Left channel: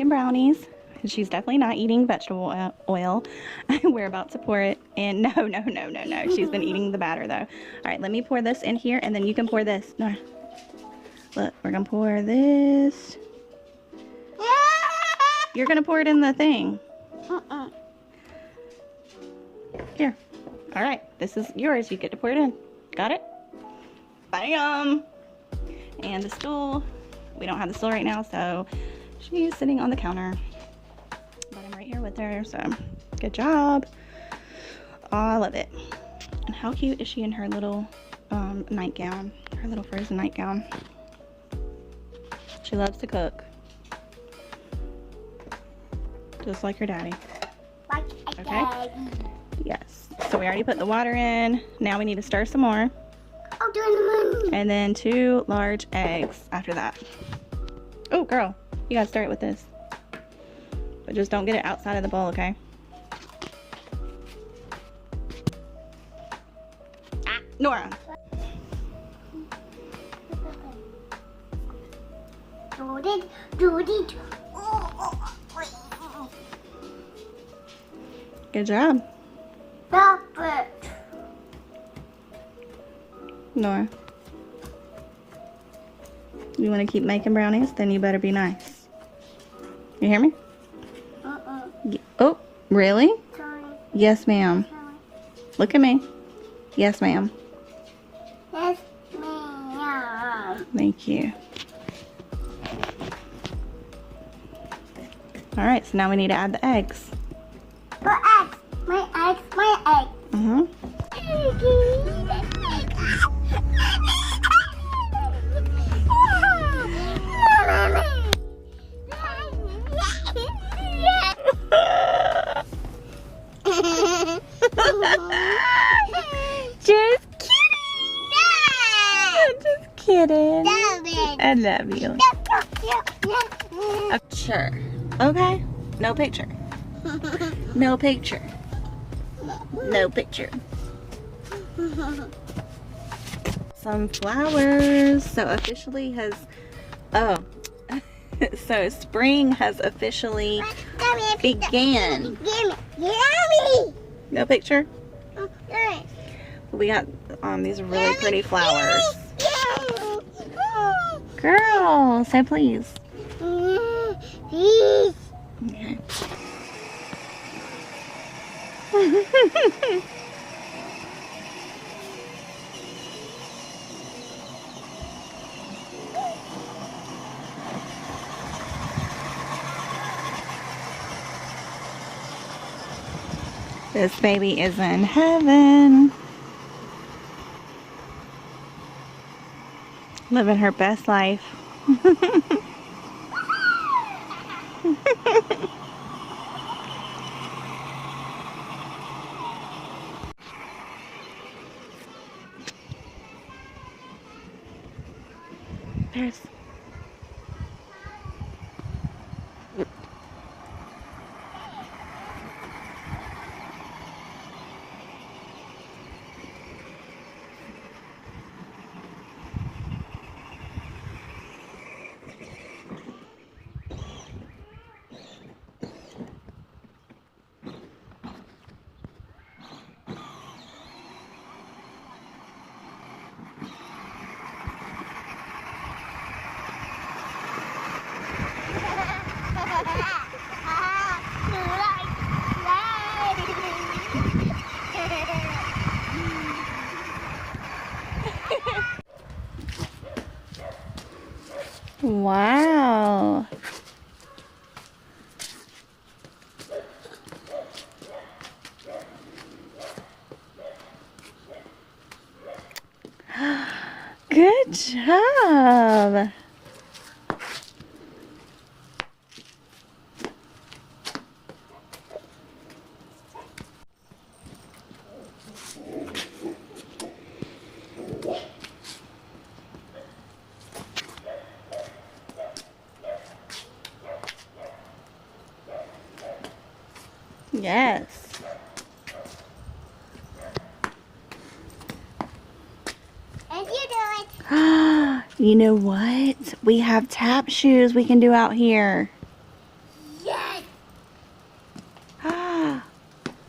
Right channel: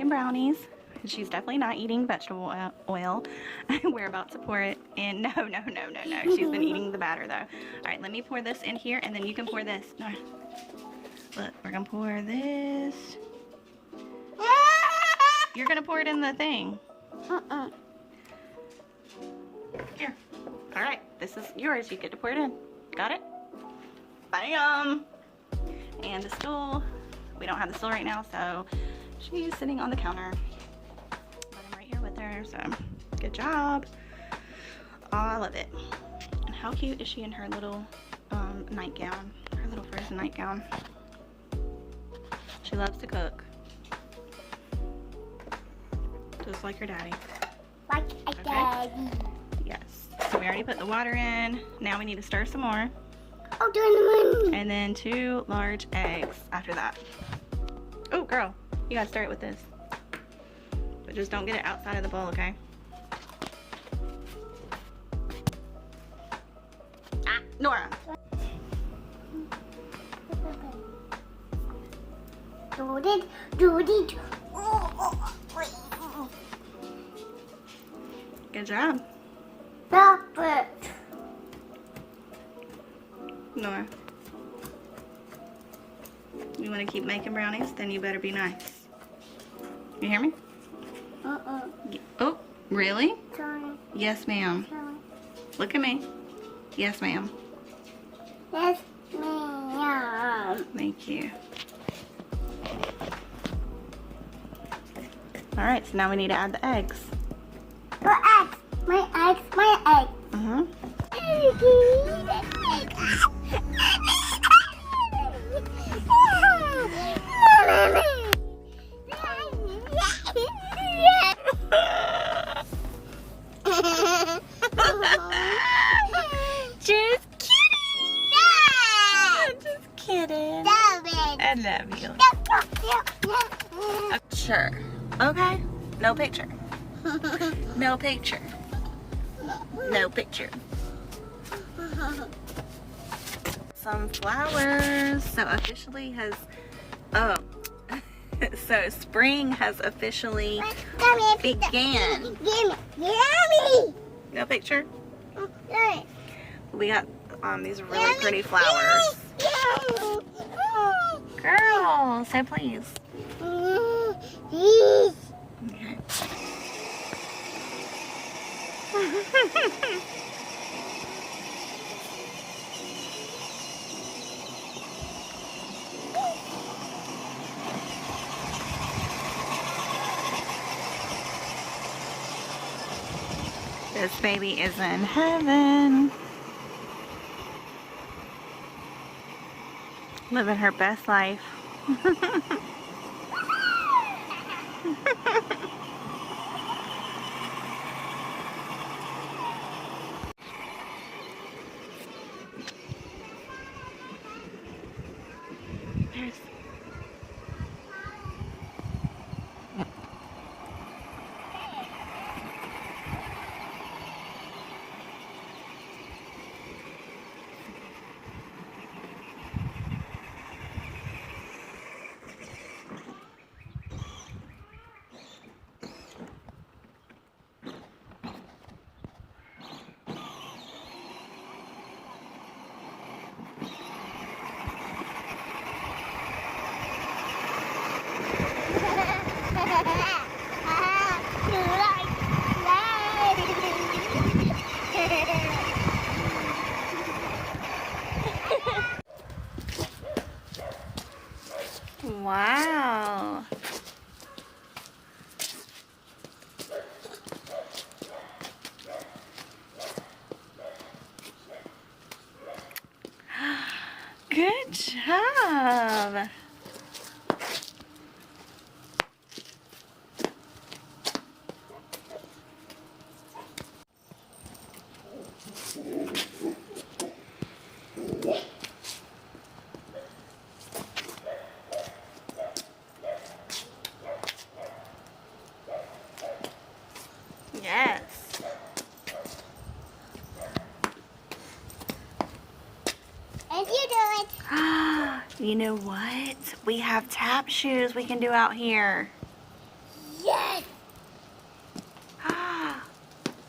making brownies. She's definitely not eating vegetable oil. We're about to pour it in. No. She's been eating the batter though. Alright, let me pour this in here and then you can pour this. No. Look, we're gonna pour this. You're gonna pour it in the thing. Here. Alright, this is yours. You get to pour it in. Got it? Bam! And the stool. We don't have the stool right now, so she's sitting on the counter. But I'm right here with her, so good job. Oh, I love it. And how cute is she in her little nightgown? Her little frozen nightgown. She loves to cook. Just like her daddy. Like a daddy. Yes. So we already put the water in. Now we need to stir some more. Oh, doing the moon. And then 2 large eggs after that. Oh, girl. You gotta start with this. But just don't get it outside of the bowl, okay? Ah, Nora. Good job. Perfect. Nora. You want to keep making brownies? Then you better be nice. You hear me? Oh, really? Sorry. Yes, ma'am. Sorry. Look at me. Yes, ma'am. Yes, ma'am. Thank you. Alright, so now we need to add the eggs. My eggs. My eggs. My eggs. Just kidding. I love you. Sure. Okay. No picture. No picture. No picture. Some flowers. So officially has. Oh. So spring has officially began. No picture. We got these really pretty flowers. Girl, say please. This baby is in heaven. Living her best life. There's wow. Good job. Yes. And you do it. You know what? We have tap shoes we can do out here.